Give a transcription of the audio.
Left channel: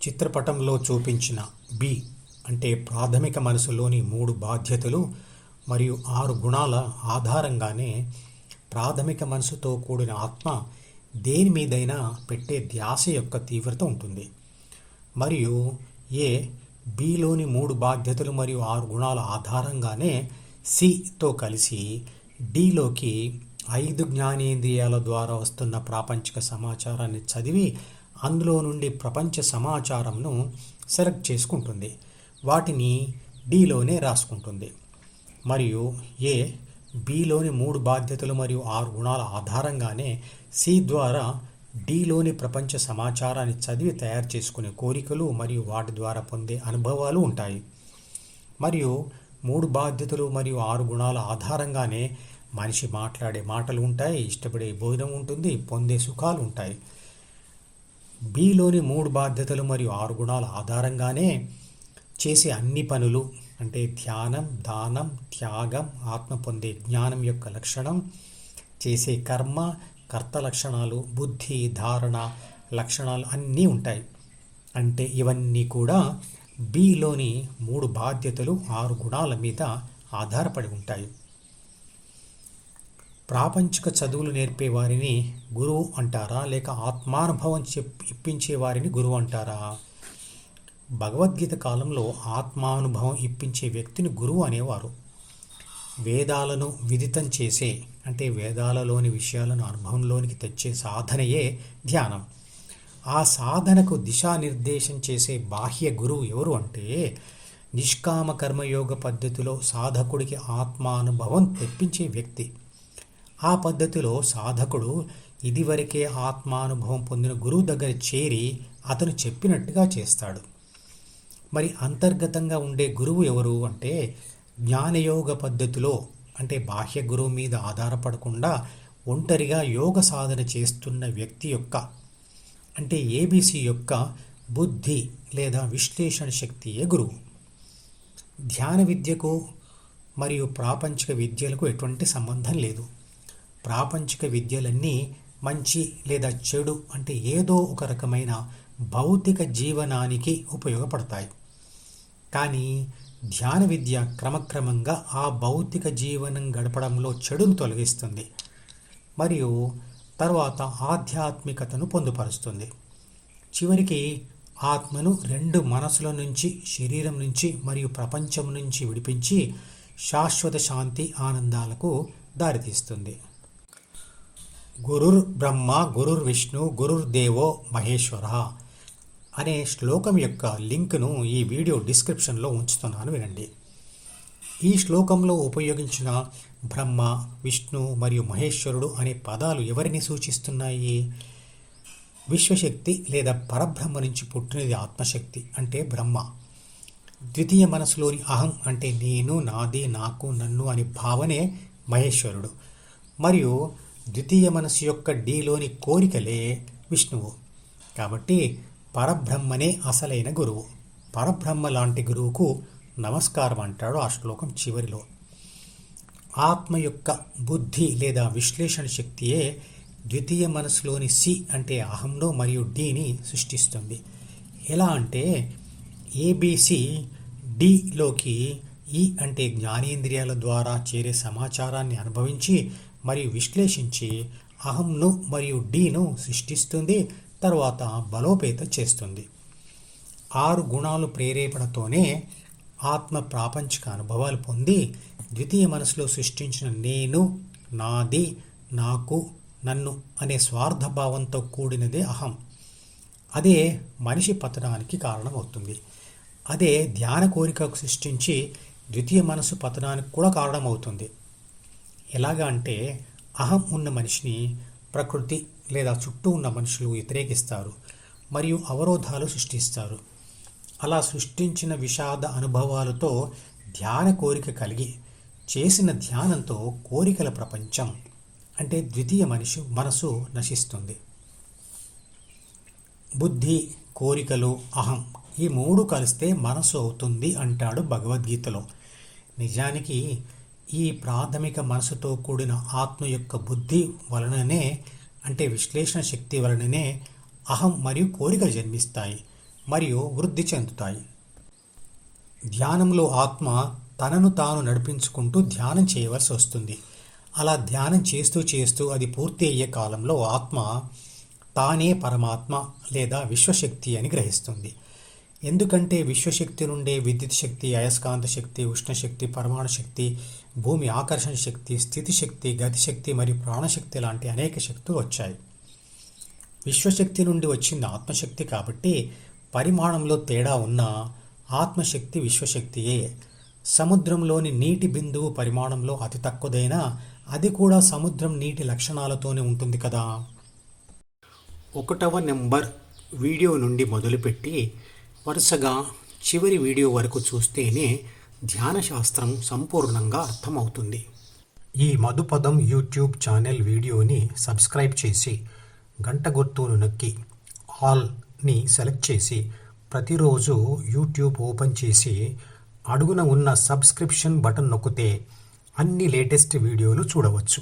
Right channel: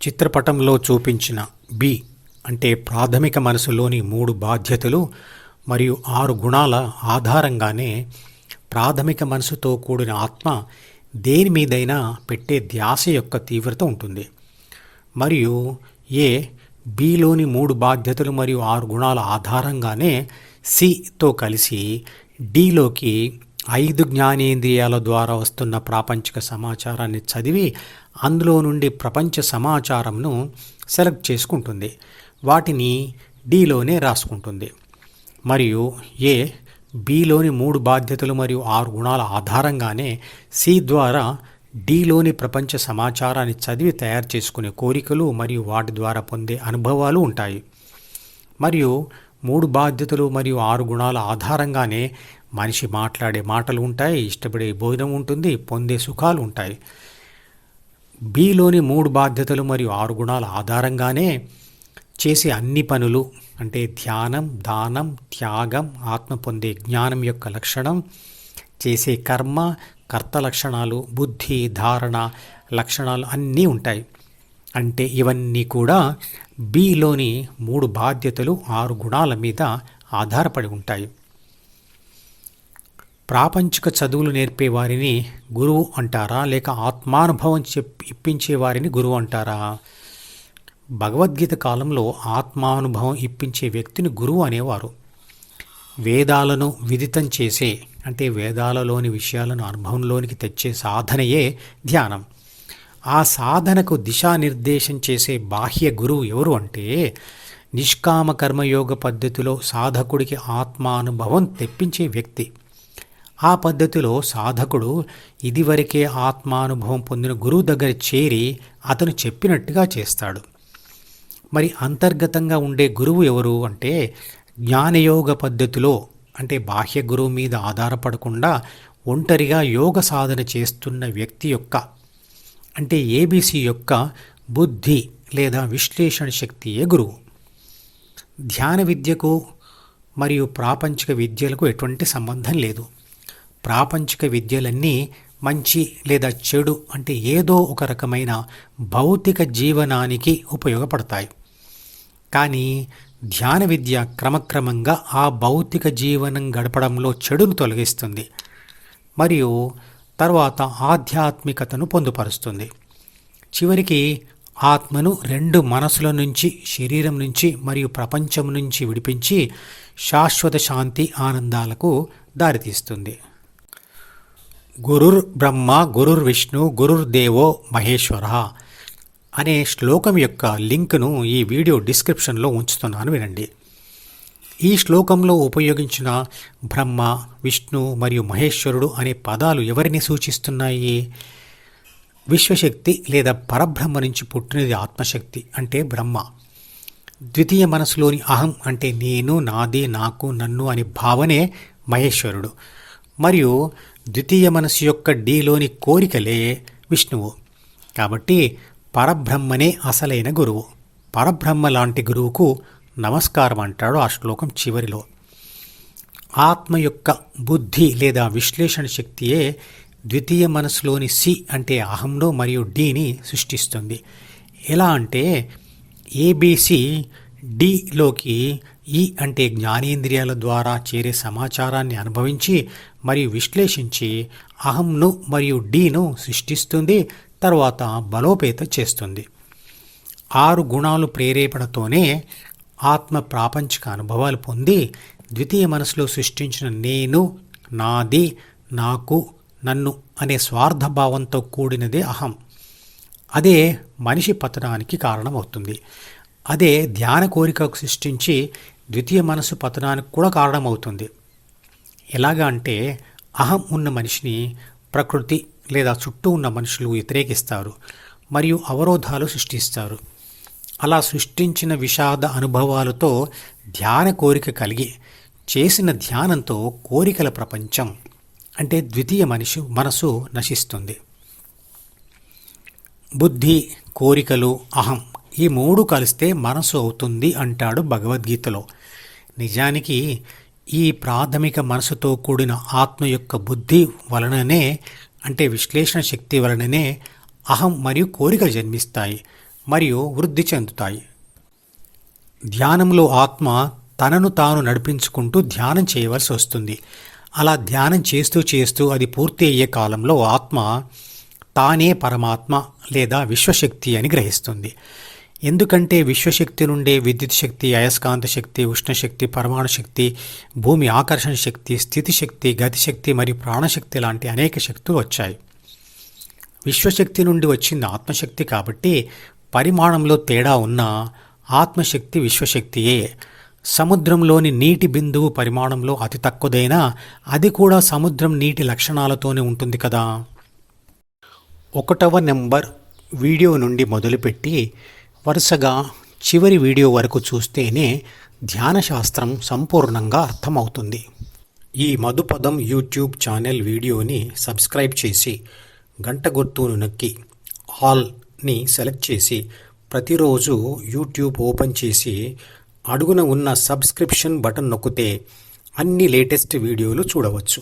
చిత్రపటంలో చూపించిన బి అంటే ప్రాథమిక మనసులోని 3 బాధ్యతలు మరియు 6 గుణాల ఆధారంగానే ప్రాథమిక మనసుతో కూడిన ఆత్మ దేని మీదైనా పెట్టే ధ్యాస యొక్క తీవ్రత ఉంటుంది. మరియు బిలోని 3 బాధ్యతలు మరియు 6 గుణాల ఆధారంగానే సితో కలిసి డిలోకి 5 జ్ఞానేంద్రియాల ద్వారా వస్తున్న ప్రాపంచిక సమాచారాన్ని చదివి అందులో నుండి ప్రపంచ సమాచారంను సెలెక్ట్ చేసుకుంటుంది. వాటిని డిలోనే రాసుకుంటుంది. మరియు బిలోని 3 బాధ్యతలు మరియు 6 గుణాల ఆధారంగానే సి ద్వారా డిలోని ప్రపంచ సమాచారాన్ని చదివి తయారు చేసుకునే కోరికలు మరియు వాటి ద్వారా పొందే అనుభవాలు ఉంటాయి. మరియు 3 బాధ్యతలు మరియు 6 గుణాల ఆధారంగానే మనిషి మాట్లాడే మాటలు ఉంటాయి, ఇష్టపడే భోజనం ఉంటుంది, పొందే సుఖాలు ఉంటాయి. బిలోని 3 బాధ్యతలు మరియు 6 గుణాల ఆధారంగానే చేసే అన్ని పనులు అంటే ధ్యానం, దానం, త్యాగం, ఆత్మ పొందే జ్ఞానం యొక్క లక్షణం, చేసే కర్మ, కర్త లక్షణాలు, బుద్ధి, ధారణ లక్షణాలు అన్నీ ఉంటాయి. అంటే ఇవన్నీ కూడా బిలోని 3 బాధ్యతలు 6 గుణాల మీద ఆధారపడి ఉంటాయి. ప్రాపంచిక చదువులు నేర్పే వారిని గురువు అంటారా, లేక ఆత్మానుభవం ఇప్పించే వారిని గురువు అంటారా? భగవద్గీత కాలంలో ఆత్మానుభవం ఇప్పించే వ్యక్తిని గురువు అనేవారు. వేదాలను విదితం చేసే అంటే వేదాలలోని విషయాలను అనుభవంలోనికి తెచ్చే సాధనయే ధ్యానం. ఆ సాధనకు దిశానిర్దేశం చేసే బాహ్య గురువు ఎవరు అంటే నిష్కామ కర్మయోగ పద్ధతిలో సాధకుడికి ఆత్మానుభవం తెప్పించే వ్యక్తి. ఆ పద్ధతిలో సాధకుడు ఇదివరకే ఆత్మానుభవం పొందిన గురువు దగ్గర చేరి అతను చెప్పినట్టుగా చేస్తాడు. మరి అంతర్గతంగా ఉండే గురువు ఎవరు అంటే జ్ఞానయోగ పద్ధతిలో అంటే బాహ్య గురువు మీద ఆధారపడకుండా ఒంటరిగా యోగ సాధన చేస్తున్న వ్యక్తి యొక్క అంటే ఏబిసి యొక్క బుద్ధి లేదా విశ్లేషణ శక్తియే గురువు. ధ్యాన విద్యకు మరియు ప్రాపంచిక విద్యలకు ఎటువంటి సంబంధం లేదు. ప్రాపంచిక విద్యలన్నీ మంచి లేదా చెడు అంటే ఏదో ఒక రకమైన భౌతిక జీవనానికి ఉపయోగపడతాయి. కానీ ధ్యాన విద్య క్రమక్రమంగా ఆ భౌతిక జీవనం గడపడంలో చెడును తొలగిస్తుంది మరియు తర్వాత ఆధ్యాత్మికతను పొందుపరుస్తుంది. చివరికి ఆత్మను 2 మనసుల నుంచి, శరీరం నుంచి మరియు ప్రపంచం నుంచి విడిపించి శాశ్వత శాంతి ఆనందాలకు దారితీస్తుంది. గురుర్ బ్రహ్మ గురుర్ విష్ణు గురుర్దేవో మహేశ్వర అనే శ్లోకం యొక్క లింక్ను ఈ వీడియో డిస్క్రిప్షన్లో ఉంచుతున్నాను, వినండి. ఈ శ్లోకంలో ఉపయోగించిన బ్రహ్మ, విష్ణు మరియు మహేశ్వరుడు అనే పదాలు ఎవరిని సూచిస్తున్నాయి? విశ్వశక్తి లేదా పరబ్రహ్మ నుంచి పుట్టినది ఆత్మశక్తి అంటే బ్రహ్మ. ద్వితీయ మనసులోని అహం అంటే నేను, నాది, నాకు, నన్ను అనే భావనే మహేశ్వరుడు. మరియు ద్వితీయ మనసు యొక్క డిలోని కోరికలే విష్ణువు. కాబట్టి పరబ్రహ్మనే అసలైన గురువు. పరబ్రహ్మ లాంటి గురువుకు నమస్కారం అంటాడు ఆ శ్లోకం చివరిలో. ఆత్మ యొక్క బుద్ధి లేదా విశ్లేషణ శక్తియే ద్వితీయ మనసులోని సి అంటే అహంను మరియు డిని సృష్టిస్తుంది. ఎలా అంటే ఏబిసి డిలోకి ఈ అంటే జ్ఞానేంద్రియాల ద్వారా చేరే సమాచారాన్ని అనుభవించి మరియు విశ్లేషించి అహంను మరియు డిను సృష్టిస్తుంది, తర్వాత బలోపేతం చేస్తుంది. 6 గుణాలు ప్రేరేపణతోనే ఆత్మ ప్రాపంచిక అనుభవాలు పొంది ద్వితీయ మనసులో సృష్టించిన నేను, నాది, నాకు, నన్ను అనే స్వార్థభావంతో కూడినదే అహం. అదే మనిషి పతనానికి కారణమవుతుంది. అదే ధ్యాన కోరికకు సృష్టించి ద్వితీయ మనసు పతనానికి కూడా కారణమవుతుంది. ఎలాగా అంటే అహం ఉన్న మనిషిని ప్రకృతి లేదా చుట్టూ ఉన్న మనుషులు వ్యతిరేకిస్తారు మరియు అవరోధాలు సృష్టిస్తారు. అలా సృష్టించిన విషాద అనుభవాలతో ధ్యాన కోరిక కలిగి చేసిన ధ్యానంతో కోరికల ప్రపంచం అంటే ద్వితీయ మనసు నశిస్తుంది. బుద్ధి, కోరికలు, అహం ఈ 3 కలిస్తే మనసు అవుతుంది అంటాడు భగవద్గీతలో. నిజానికి ఈ ప్రాథమిక మనసుతో కూడిన ఆత్మ యొక్క బుద్ధి వలననే అంటే విశ్లేషణ శక్తి వలననే అహం మరియు కోరికలు జన్మిస్తాయి మరియు వృద్ధి చెందుతాయి. ధ్యానంలో ఆత్మ తనను తాను నడిపించుకుంటూ ధ్యానం చేయవలసి వస్తుంది. అలా ధ్యానం చేస్తూ చేస్తూ అది పూర్తి అయ్యే కాలంలో ఆత్మ తానే పరమాత్మ లేదా విశ్వశక్తి అని గ్రహిస్తుంది. ఎందుకంటే విశ్వశక్తి నుండే విద్యుత్ శక్తి, అయస్కాంత శక్తి, ఉష్ణశక్తి, పరమాణు శక్తి, భూమి ఆకర్షణ శక్తి, స్థితి శక్తి, గతిశక్తి మరియు ప్రాణశక్తి లాంటి అనేక శక్తులు వచ్చాయి. విశ్వశక్తి నుండి వచ్చింది ఆత్మశక్తి కాబట్టి పరిమాణంలో తేడా ఉన్న ఆత్మశక్తి విశ్వశక్తియే. సముద్రంలోని నీటి బిందువు పరిమాణంలో అతి తక్కువదైనా అది కూడా సముద్రం నీటి లక్షణాలతోనే ఉంటుంది కదా. 1వ నెంబర్ వీడియో నుండి మొదలుపెట్టి వరుసగా చివరి వీడియో వరకు చూస్తేనే ధ్యాన శాస్త్రం సంపూర్ణంగా అర్థమవుతుంది. ఈ మధుపదం యూట్యూబ్ ఛానల్ వీడియోని సబ్స్క్రైబ్ చేసి గంట గుర్తును నొక్కి ఆల్ని సెలెక్ట్ చేసి ప్రతిరోజు యూట్యూబ్ ఓపెన్ చేసి అడుగున ఉన్న సబ్స్క్రిప్షన్ బటన్ నొక్కితే అన్ని లేటెస్ట్ వీడియోలు చూడవచ్చు.